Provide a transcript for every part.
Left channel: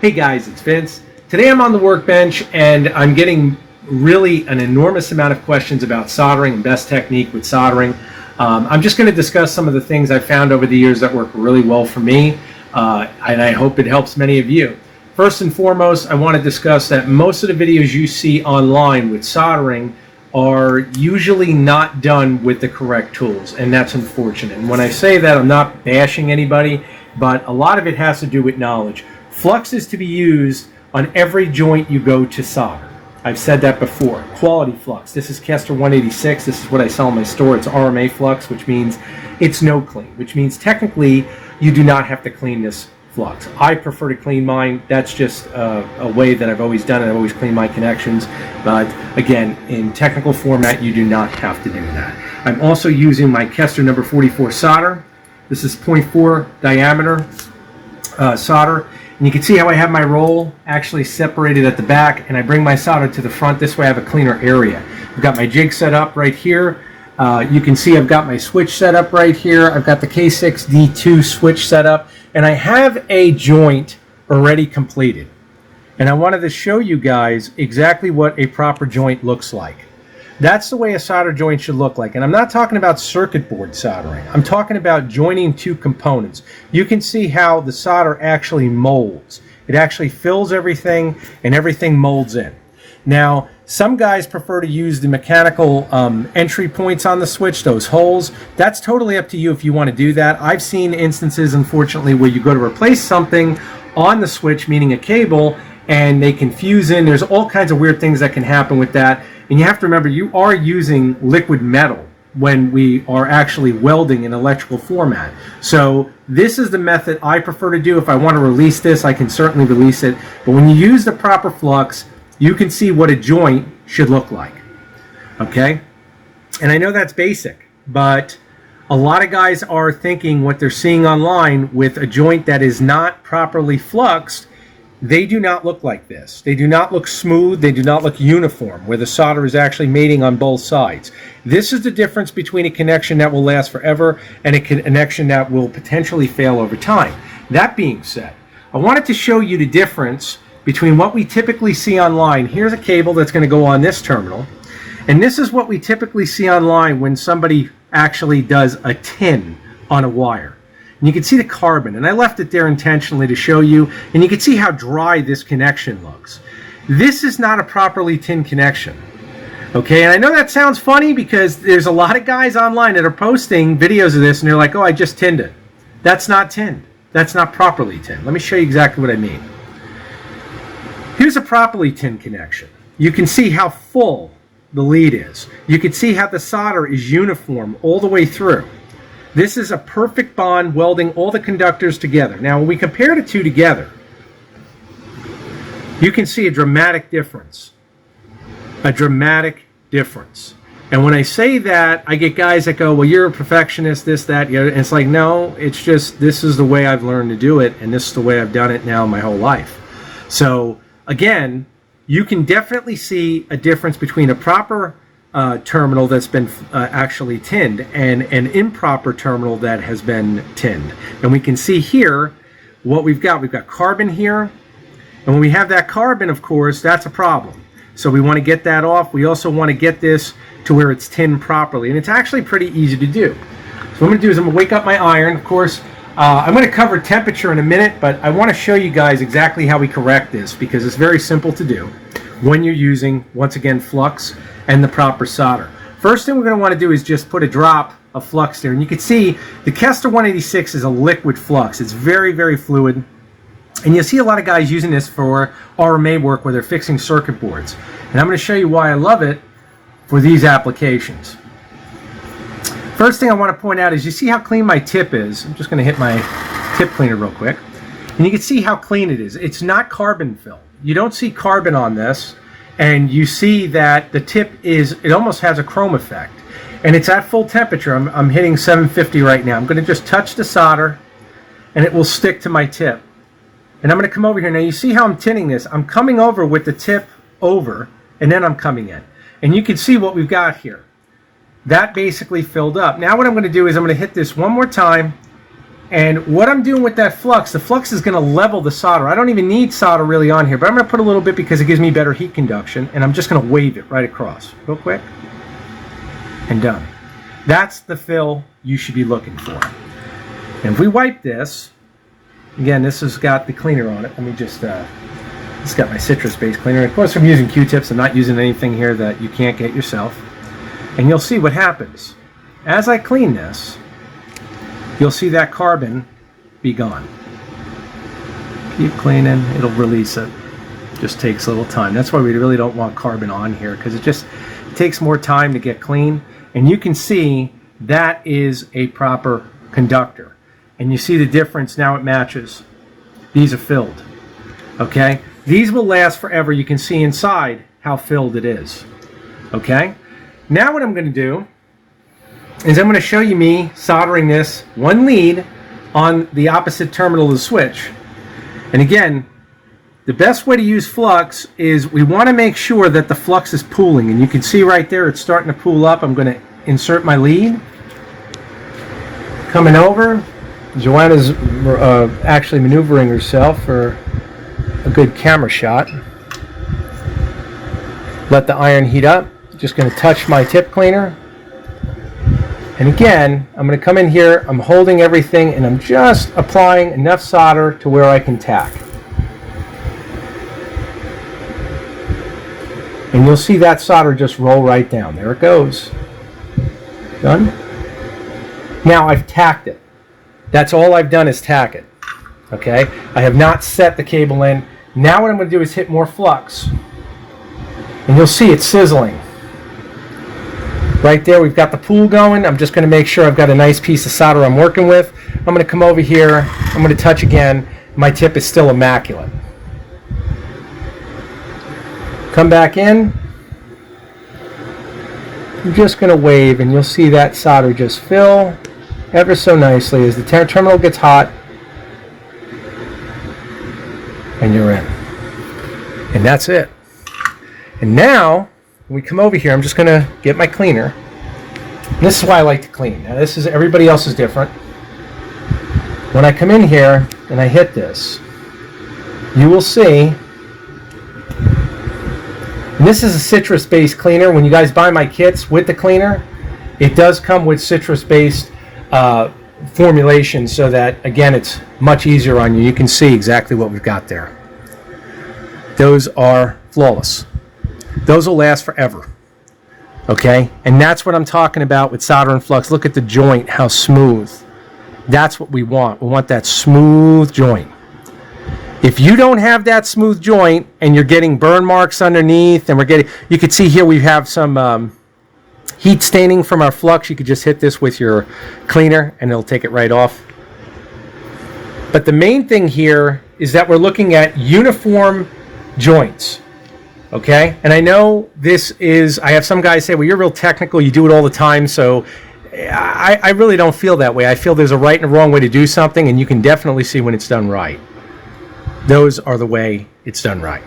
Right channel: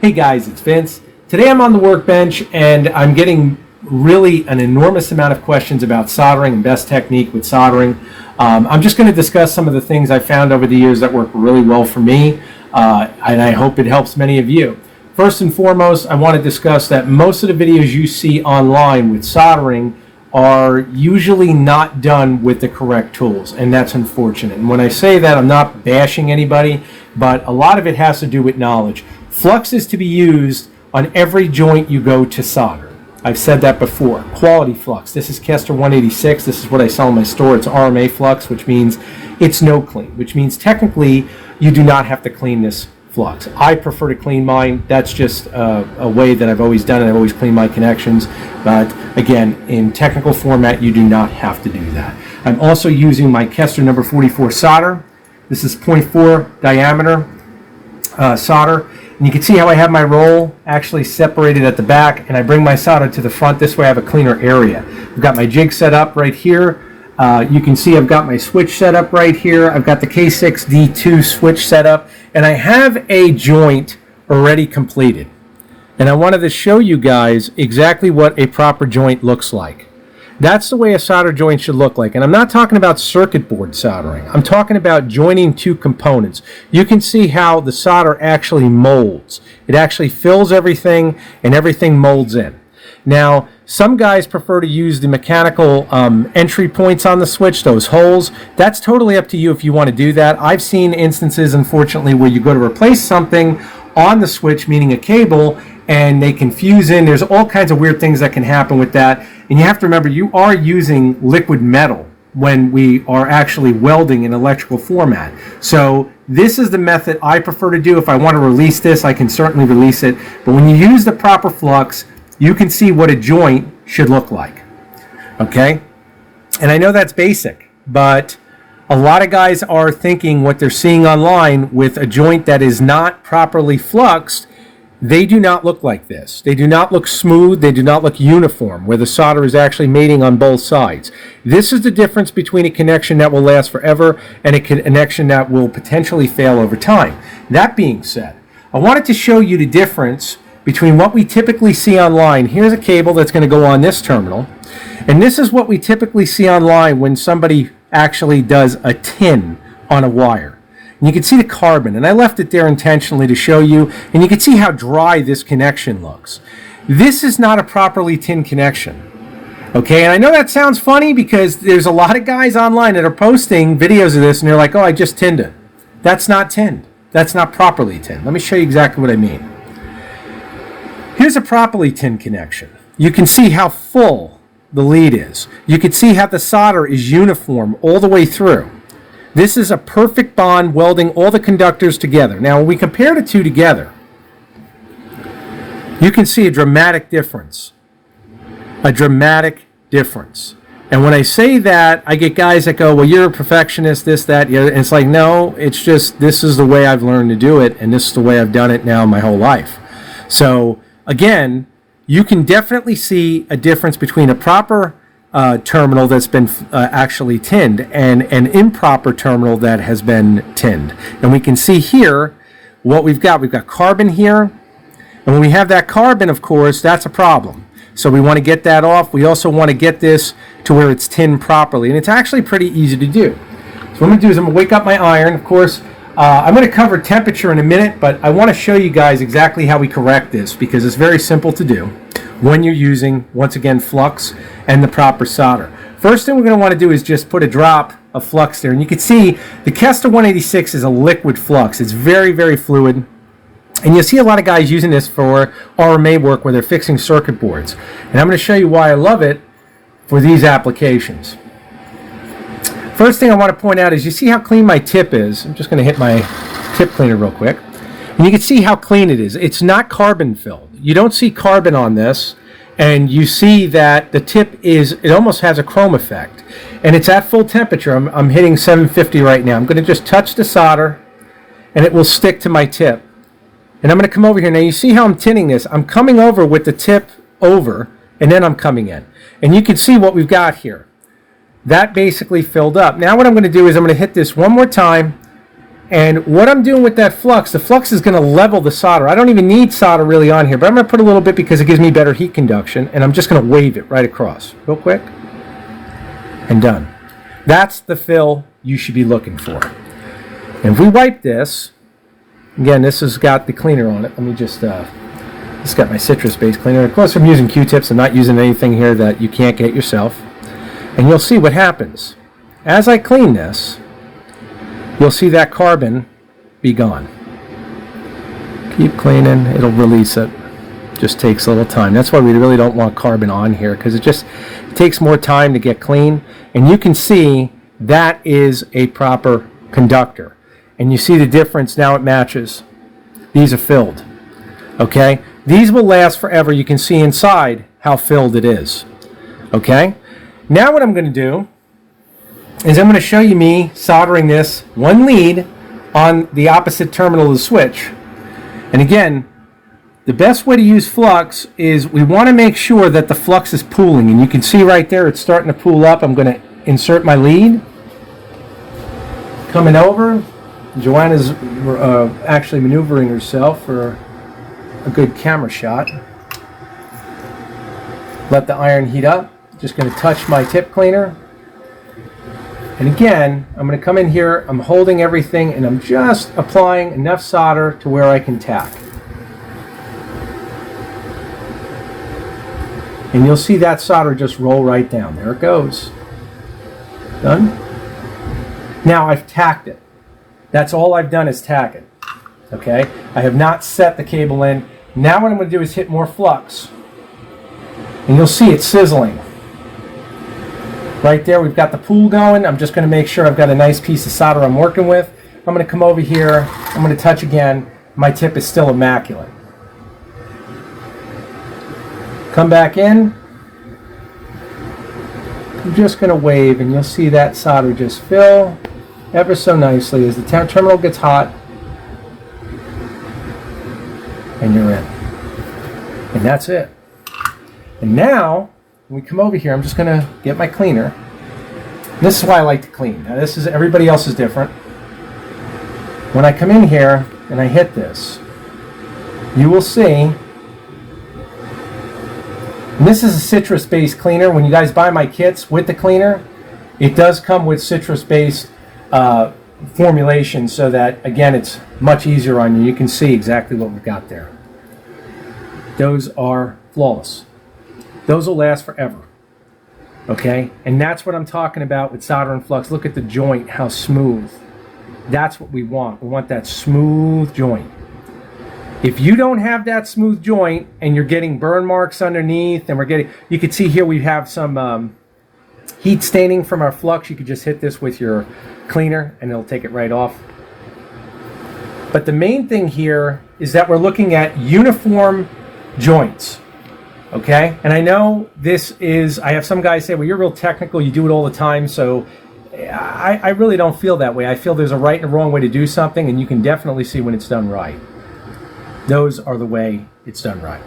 Hey guys, it's Vince. Today I'm on the workbench and I'm getting really an enormous amount of questions about soldering and best technique with soldering. I'm just going to discuss some of the things I've found over the years that work really well for me, and I hope it helps many of you. First and foremost, I want to discuss that most of the videos you see online with soldering are usually not done with the correct tools, and that's unfortunate. And when I say that, I'm not bashing anybody, but a lot of it has to do with knowledge. Flux is to be used on every joint you go to solder. I've said that before. Quality flux. This is Kester 186. This is what I sell in my store. It's RMA flux, which means it's no clean, which means technically you do not have to clean this flux. I prefer to clean mine. That's just a way that I've always done it. I've always cleaned my connections. But again, in technical format, you do not have to do that. I'm also using my Kester number 44 solder. This is 0.4 diameter solder. And you can see how I have my roll actually separated at the back, and I bring my solder to the front. This way I have a cleaner area. I've got my jig set up right here. You can see I've got my switch set up right here. I've got the K6D2 switch set up, and I have a joint already completed. And I wanted to show you guys exactly what a proper joint looks like. That's the way a solder joint should look like. And I'm not talking about circuit board soldering. I'm talking about joining two components. You can see how the solder actually molds. It actually fills everything and everything molds in. Now, some guys prefer to use the mechanical entry points on the switch, those holes. That's totally up to you if you want to do that. I've seen instances, unfortunately, where you go to replace something on the switch, meaning a cable, and they can fuse in. There's all kinds of weird things that can happen with that. And you have to remember, you are using liquid metal when we are actually welding in electrical format. So this is the method I prefer to do. If I want to release this, I can certainly release it. But when you use the proper flux, you can see what a joint should look like. Okay? And I know that's basic, but a lot of guys are thinking what they're seeing online with a joint that is not properly fluxed. They do not look like this. They do not look smooth. They do not look uniform, where the solder is actually mating on both sides. This is the difference between a connection that will last forever and a connection that will potentially fail over time. That being said, I wanted to show you the difference between what we typically see online. Here's a cable that's going to go on this terminal, and this is what we typically see online when somebody actually does a tin on a wire. And you can see the carbon, and I left it there intentionally to show you, and you can see how dry this connection looks. This is not a properly tinned connection. Okay, and I know that sounds funny because there's a lot of guys online that are posting videos of this and they're like, oh, I just tinned it. That's not tinned. That's not properly tinned. Let me show you exactly what I mean. Here's a properly tinned connection. You can see how full the lead is. You can see how the solder is uniform all the way through. This is a perfect bond welding all the conductors together. Now, when we compare the two together, you can see a dramatic difference. A dramatic difference. And when I say that, I get guys that go, well, you're a perfectionist, this, that, and it's like, no, it's just, this is the way I've learned to do it, and this is the way I've done it now my whole life. So, again, you can definitely see a difference between a proper terminal that's been actually tinned and an improper terminal that has been tinned. And we can see here what we've got. We've got carbon here, and when we have that carbon, of course, that's a problem. So we want to get that off. We also want to get this to where it's tinned properly, and it's actually pretty easy to do. So what I'm going to do is I'm going to wake up my iron. Of course, I'm going to cover temperature in a minute, but I want to show you guys exactly how we correct this because it's very simple to do when you're using, once again, flux and the proper solder. First thing we're going to want to do is just put a drop of flux there. And you can see the Kester 186 is a liquid flux. It's very, very fluid. And you'll see a lot of guys using this for RMA work where they're fixing circuit boards. And I'm going to show you why I love it for these applications. First thing I want to point out is you see how clean my tip is. I'm just going to hit my tip cleaner real quick. And you can see how clean it is. It's not carbon filled. You don't see carbon on this. And you see that the tip is, it almost has a chrome effect. And it's at full temperature. I'm hitting 750 right now. I'm going to just touch the solder, and it will stick to my tip. And I'm going to come over here. Now you see how I'm tinning this. I'm coming over with the tip over, and then I'm coming in. And you can see what we've got here. That basically filled up. Now what I'm going to do is I'm going to hit this one more time, And what I'm doing with that flux, the flux is going to level the solder. I don't even need solder really on here, but I'm going to put a little bit because it gives me better heat conduction, and I'm just going to wave it right across real quick, and done. That's the fill you should be looking for. And if we wipe this, again, this has got the cleaner on it. Let me just, it's got my citrus-based cleaner. Of course, I'm using Q-tips. I'm not using anything here that you can't get yourself. And you'll see what happens. As I clean this, you'll see that carbon be gone. Keep cleaning, it'll release it. Just takes a little time. That's why we really don't want carbon on here, because it takes more time to get clean. And you can see that is a proper conductor. And you see the difference, now it matches. These are filled. Okay? These will last forever. You can see inside how filled it is. Okay? Now what I'm going to do is I'm going to show you me soldering this one lead on the opposite terminal of the switch. And again, the best way to use flux is we want to make sure that the flux is pooling. And you can see right there it's starting to pool up. I'm going to insert my lead. Coming over. Joanna's actually maneuvering herself for a good camera shot. Let the iron heat up. Just going to touch my tip cleaner. And again, I'm going to come in here, I'm holding everything, and I'm just applying enough solder to where I can tack. And you'll see that solder just roll right down. There it goes. Done. Now I've tacked it. That's all I've done is tack it. Okay? I have not set the cable in. Now what I'm going to do is hit more flux. And you'll see it sizzling. Right there, we've got the pool going. I'm just going to make sure I've got a nice piece of solder I'm working with. I'm going to come over here. I'm going to touch again. My tip is still immaculate. Come back in. I'm just going to wave, and you'll see that solder just fill ever so nicely as the terminal gets hot. And you're in. And that's it. And now, when we come over here, I'm just going to get my cleaner. And this is why I like to clean. Now this is, everybody else is different. When I come in here and I hit this, you will see, and this is a citrus-based cleaner. When you guys buy my kits with the cleaner, it does come with citrus-based formulation so that, again, it's much easier on you. You can see exactly what we've got there. Those are flawless. Those will last forever. Okay? And that's what I'm talking about with solder and flux. Look at the joint, how smooth. That's what we want. We want that smooth joint. If you don't have that smooth joint and you're getting burn marks underneath, and you can see here we have some heat staining from our flux. You could just hit this with your cleaner and it'll take it right off. But the main thing here is that we're looking at uniform joints. Okay? And I know this is, I have some guys say, well, you're real technical, you do it all the time, so I really don't feel that way. I feel there's a right and a wrong way to do something, and you can definitely see when it's done right. Those are the way it's done right.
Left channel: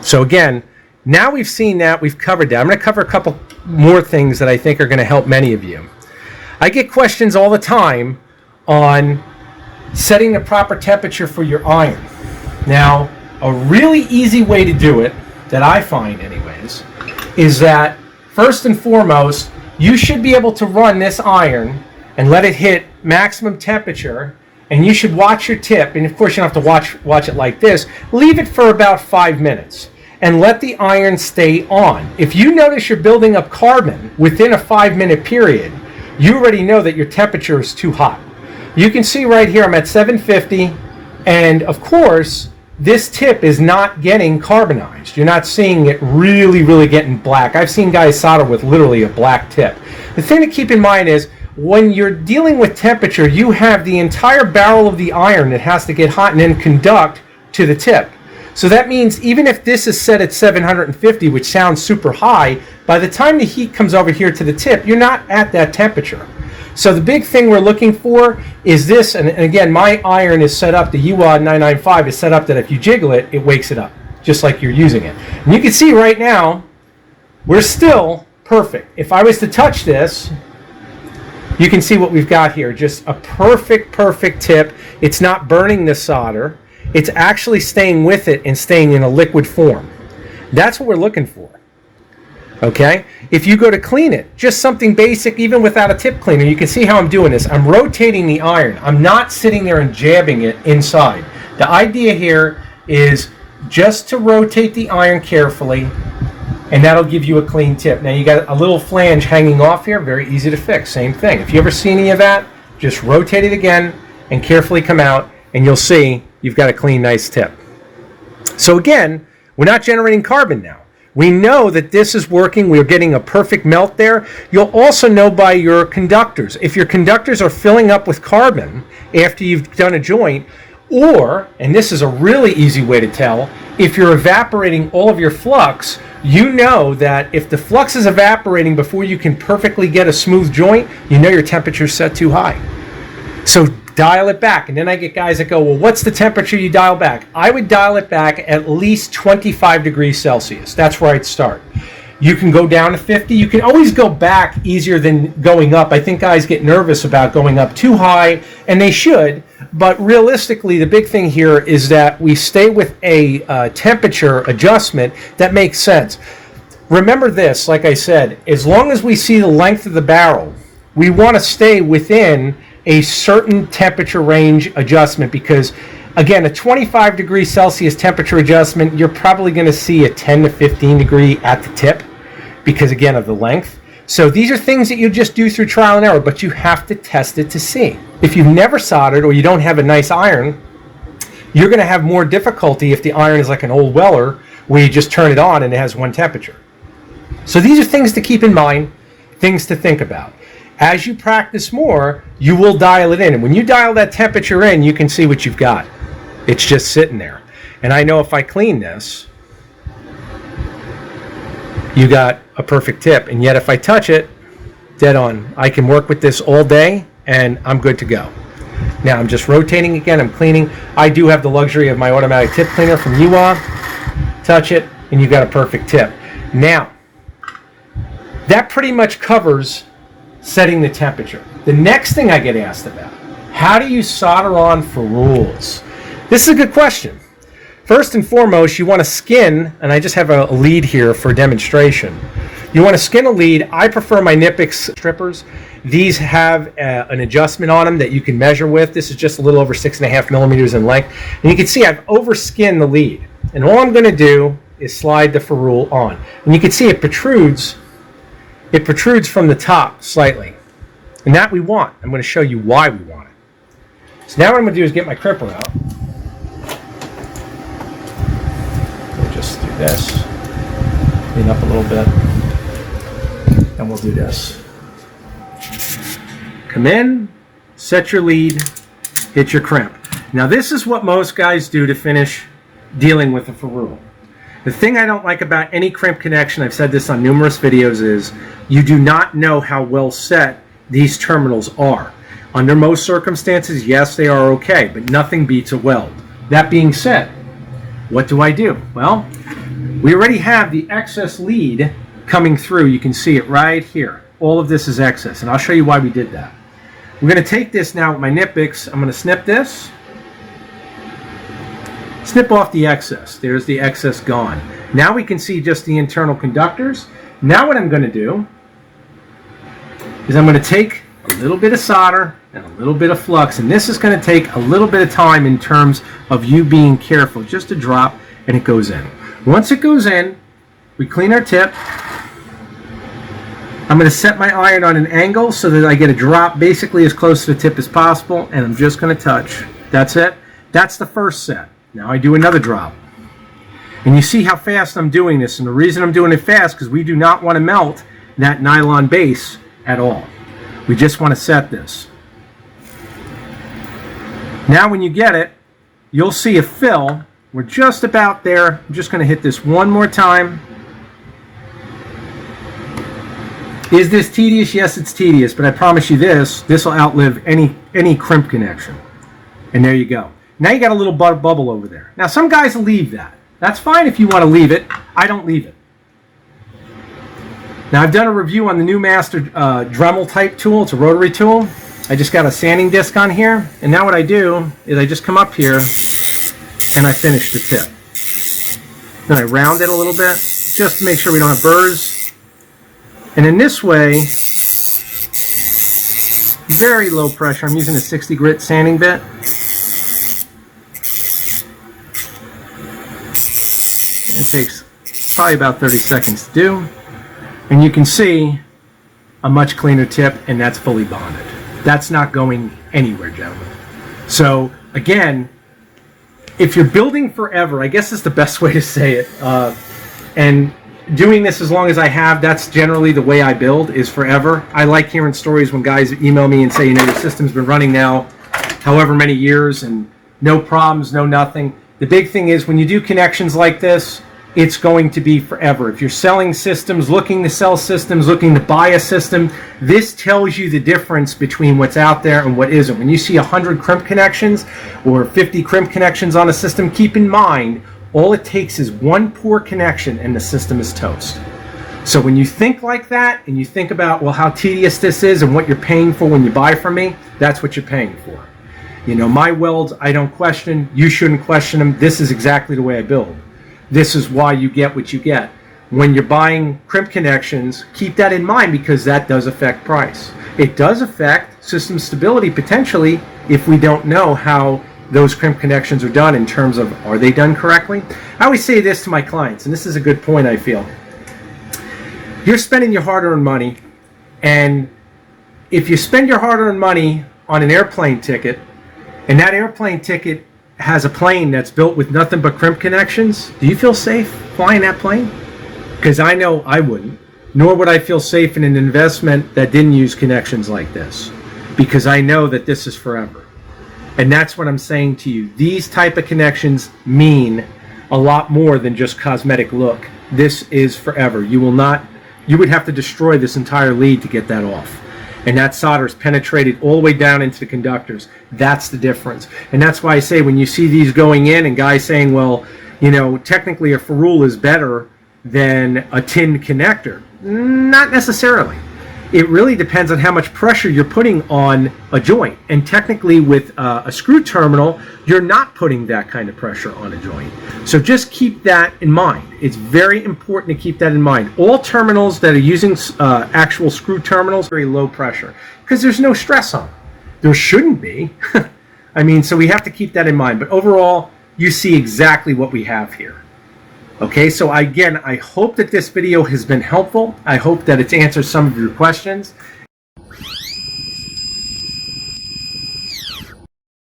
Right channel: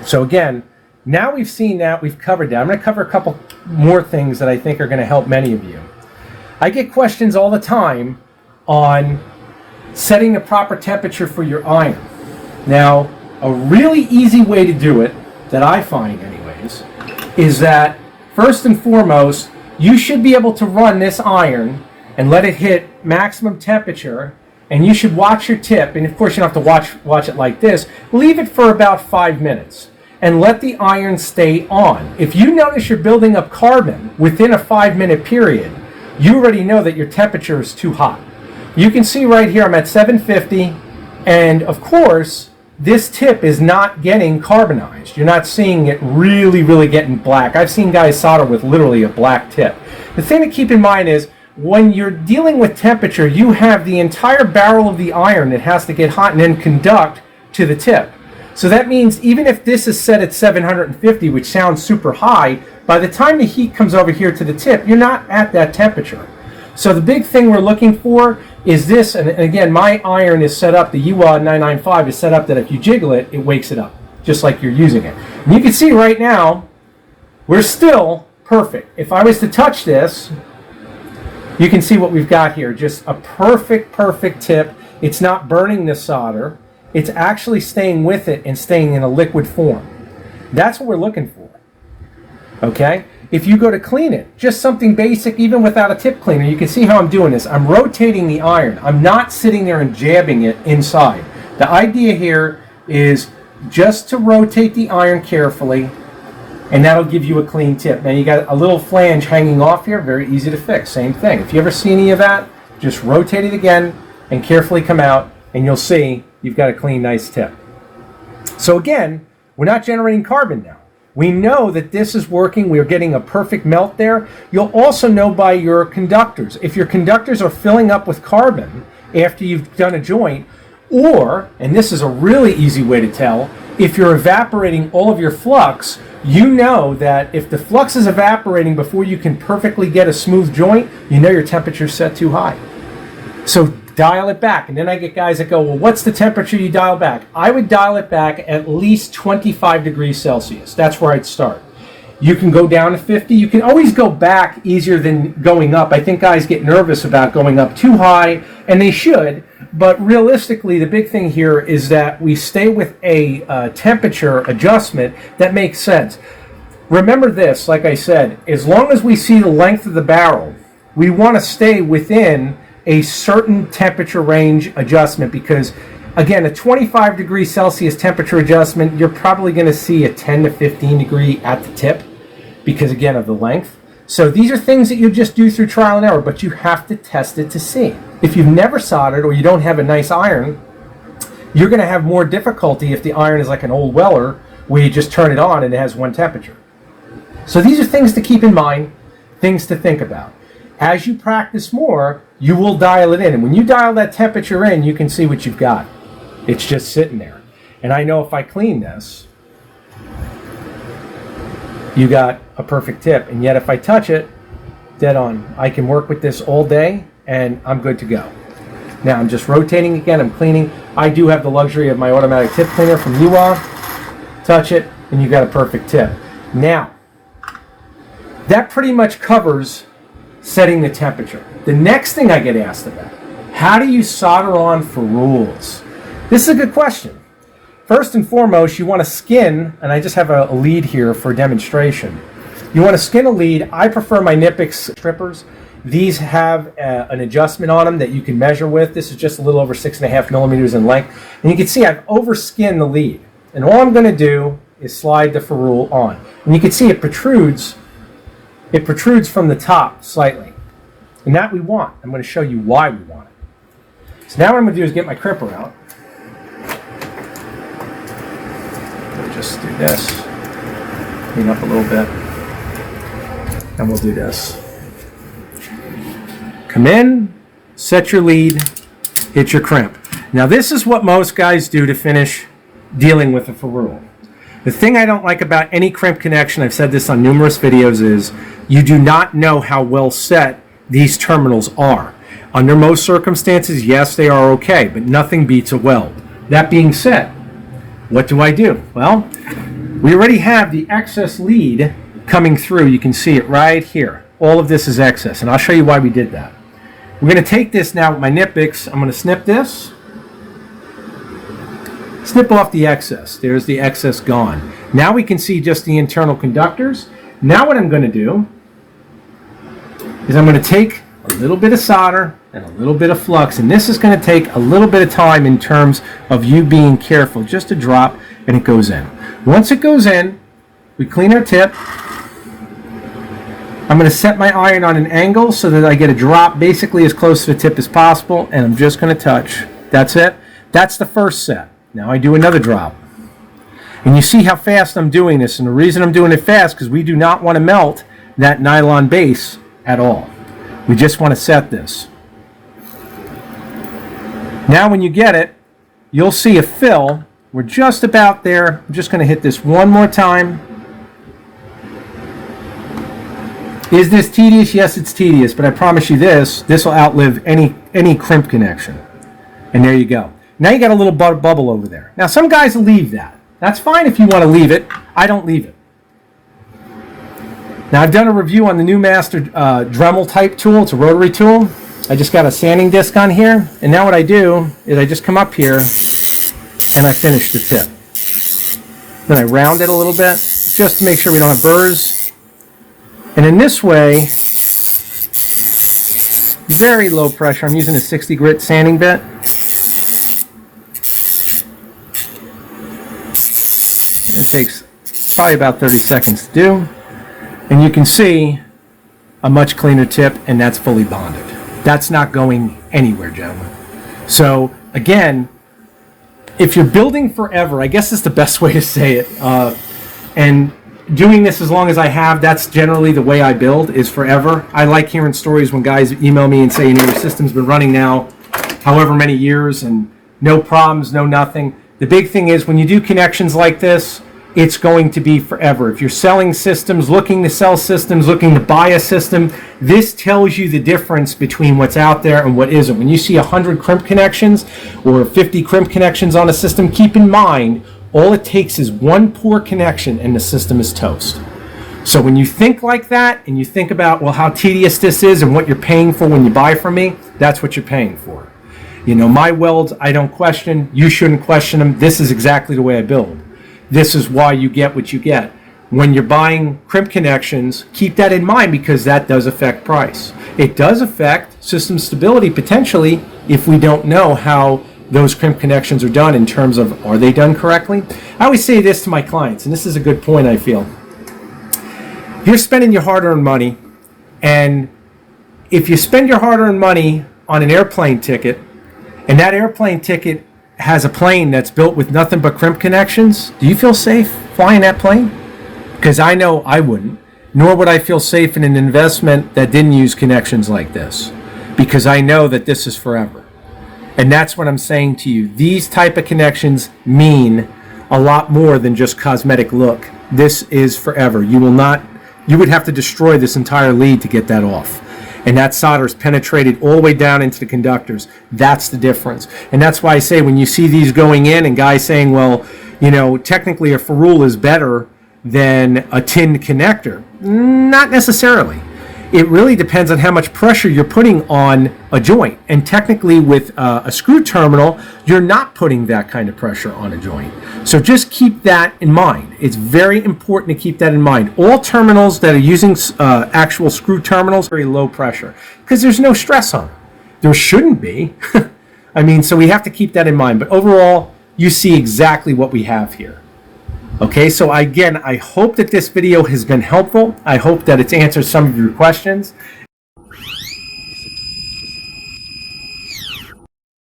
So again, now we've seen that, we've covered that. I'm going to cover a couple more things that I think are going to help many of you. I get questions all the time on setting the proper temperature for your iron. Now, a really easy way to do it, that I find anyways, is that first and foremost, you should be able to run this iron and let it hit maximum temperature, and you should watch your tip, and of course you don't have to watch it like this. Leave it for about 5 minutes and let the iron stay on. If you notice you're building up carbon within a 5-minute period, you already know that your temperature is too hot. You can see right here I'm at 750, and of course this tip is not getting carbonized. You're not seeing it really getting black. I've seen guys solder with literally a black tip. The thing to keep in mind is when you're dealing with temperature, you have the entire barrel of the iron that has to get hot and then conduct to the tip. So that means even if this is set at 750, which sounds super high, by the time the heat comes over here to the tip, you're not at that temperature. So the big thing we're looking for is this, and again, my iron is set up, the UA 995 is set up that if you jiggle it, it wakes it up, just like you're using it. And you can see right now, we're still perfect. If I was to touch this, You can see what we've got here. Just a perfect tip. It's not burning the solder. It's actually staying with it and staying in a liquid form. That's what we're looking for. Okay? If you go to clean it, just something basic, even without a tip cleaner, you can see how I'm doing this. I'm rotating the iron. I'm not sitting there and jabbing it inside. The idea here is just to rotate the iron carefully, and that'll give you a clean tip. Now you got a little flange hanging off here, very easy to fix. Same thing. If you ever see any of that, just rotate it again and carefully come out, and you'll see you've got a clean, nice tip. So again, we're not generating carbon now. We know that this is working. We're getting a perfect melt there. You'll also know by your conductors. If your conductors are filling up with carbon after you've done a joint, or, and this is a really easy way to tell, if you're evaporating all of your flux, you know that if the flux is evaporating before you can perfectly get a smooth joint, you know your temperature's set too high. So dial it back. And then I get guys that go, well, what's the temperature you dial back? I would dial it back at least 25 degrees Celsius. That's where I'd start. You can go down to 50. You can always go back easier than going up. I think guys get nervous about going up too high, and they should. But realistically, the big thing here is that we stay with a temperature adjustment that makes sense. Remember this, like I said, as long as we see the length of the barrel, we want to stay within a certain temperature range adjustment, because again, a 25 degrees Celsius temperature adjustment, you're probably going to see a 10 to 15 degree at the tip because again of the length. So these are things that you just do through trial and error, but you have to test it to see. If you've never soldered or you don't have a nice iron, you're going to have more difficulty if the iron is like an old Weller where you just turn it on and it has one temperature. So these are things to keep in mind, things to think about. As you practice more, you will dial it in. And when you dial that temperature in, you can see what you've got. It's just sitting there. And I know if I clean this, you got a perfect tip. And yet if I touch it, dead on. I can work with this all day and I'm good to go. Now I'm just rotating again, I'm cleaning. I do have the luxury of my automatic tip cleaner from UA. Touch it and you got a perfect tip. Now, that pretty much covers setting the temperature. The next thing I get asked about, how do you solder on for rules? This is a good question. First and foremost, you want to skin, and I just have a lead here for demonstration. You want to skin a lead. I prefer my Nipix strippers. These have an adjustment on them that you can measure with. This is just a little over 6.5 millimeters in length. And you can see I've overskinned the lead. And all I'm going to do is slide the ferrule on. And you can see it protrudes. It protrudes from the top slightly. And that we want. I'm going to show you why we want it. So now what I'm going to do is get my crimper out. We'll just do this. Clean up a little bit. And we'll do this. Come in, set your lead, hit your crimp. Now this is what most guys do to finish dealing with a ferrule. The thing I don't like about any crimp connection, I've said this on numerous videos, is you do not know how well set these terminals are. Under most circumstances, yes, they are okay, but nothing beats a weld. That being said, what do I do? Well, we already have the excess lead coming through. You can see it right here. All of this is excess, and I'll show you why we did that. We're going to take this now with my Nipix. I'm going to snip this. Snip off the excess. There's the excess gone. Now we can see just the internal conductors. Now what I'm going to do is I'm going to take a little bit of solder and a little bit of flux, and this is going to take a little bit of time in terms of you being careful. Just a drop, and it goes in. Once it goes in, we clean our tip. I'm going to set my iron on an angle so that I get a drop basically as close to the tip as possible, and I'm just going to touch. That's it. That's the first set. Now I do another drop. And you see how fast I'm doing this, and the reason I'm doing it fast because we do not want to melt that nylon base at all. We just want to set this. Now when you get it, you'll see a fill. We're just about there. I'm just going to hit this one more time. Is this tedious? Yes, it's tedious, but I promise you this will outlive any crimp connection. And there you go. Now you got a little bubble over there. Now some guys leave that. That's fine if you want to leave it. I don't leave it. Now I've done a review on the new Master Dremel type tool. It's a rotary tool. I just got a sanding disc on here, and now what I do is I just come up here and I finish the tip. Then I round it a little bit just to make sure we don't have burrs. And in this way, very low pressure. I'm using a 60 grit sanding bit. It takes probably about 30 seconds to do. And you can see a much cleaner tip, and that's fully bonded. That's not going anywhere, gentlemen. So again, if you're building forever, I guess is the best way to say it, and doing this as long as I have, that's generally the way I build, is forever. I like hearing stories when guys email me and say, you know, your system's been running now however many years and no problems, no nothing. The big thing is when you do connections like this, it's going to be forever. If you're selling systems, looking to sell systems, looking to buy a system, this tells you the difference between what's out there and what isn't. When you see 100 crimp connections or 50 crimp connections on a system, keep in mind, all it takes is one poor connection and the system is toast. So when you think like that and you think about, well, how tedious this is and what you're paying for when you buy from me, that's what you're paying for. You know, my welds, I don't question. You shouldn't question them. This is exactly the way I build. This is why you get what you get. When you're buying crimp connections, keep that in mind because that does affect price. It does affect system stability potentially if we don't know how those crimp connections are done in terms of, are they done correctly? I always say this to my clients, and this is a good point I feel. You're spending your hard-earned money, and if you spend your hard-earned money on an airplane ticket, and that airplane ticket has a plane that's built with nothing but crimp connections, do you feel safe flying that plane? Because I know I wouldn't, nor would I feel safe in an investment that didn't use connections like this, because I know that this is forever. And that's what I'm saying to you. These type of connections mean a lot more than just cosmetic look. This is forever. You would have to destroy this entire lead to get that off. And that solder is penetrated all the way down into the conductors. That's the difference. And that's why I say when you see these going in and guys saying, well, you know, technically a ferrule is better than a tin connector. Not necessarily. It really depends on how much pressure you're putting on a joint. And technically with a screw terminal, you're not putting that kind of pressure on a joint. So just keep that in mind. It's very important to keep that in mind. All terminals that are using actual screw terminals are very low pressure because there's no stress on it. There shouldn't be. I mean, so we have to keep that in mind. But overall, you see exactly what we have here. Okay, so again, I hope that this video has been helpful. I hope that it's answered some of your questions.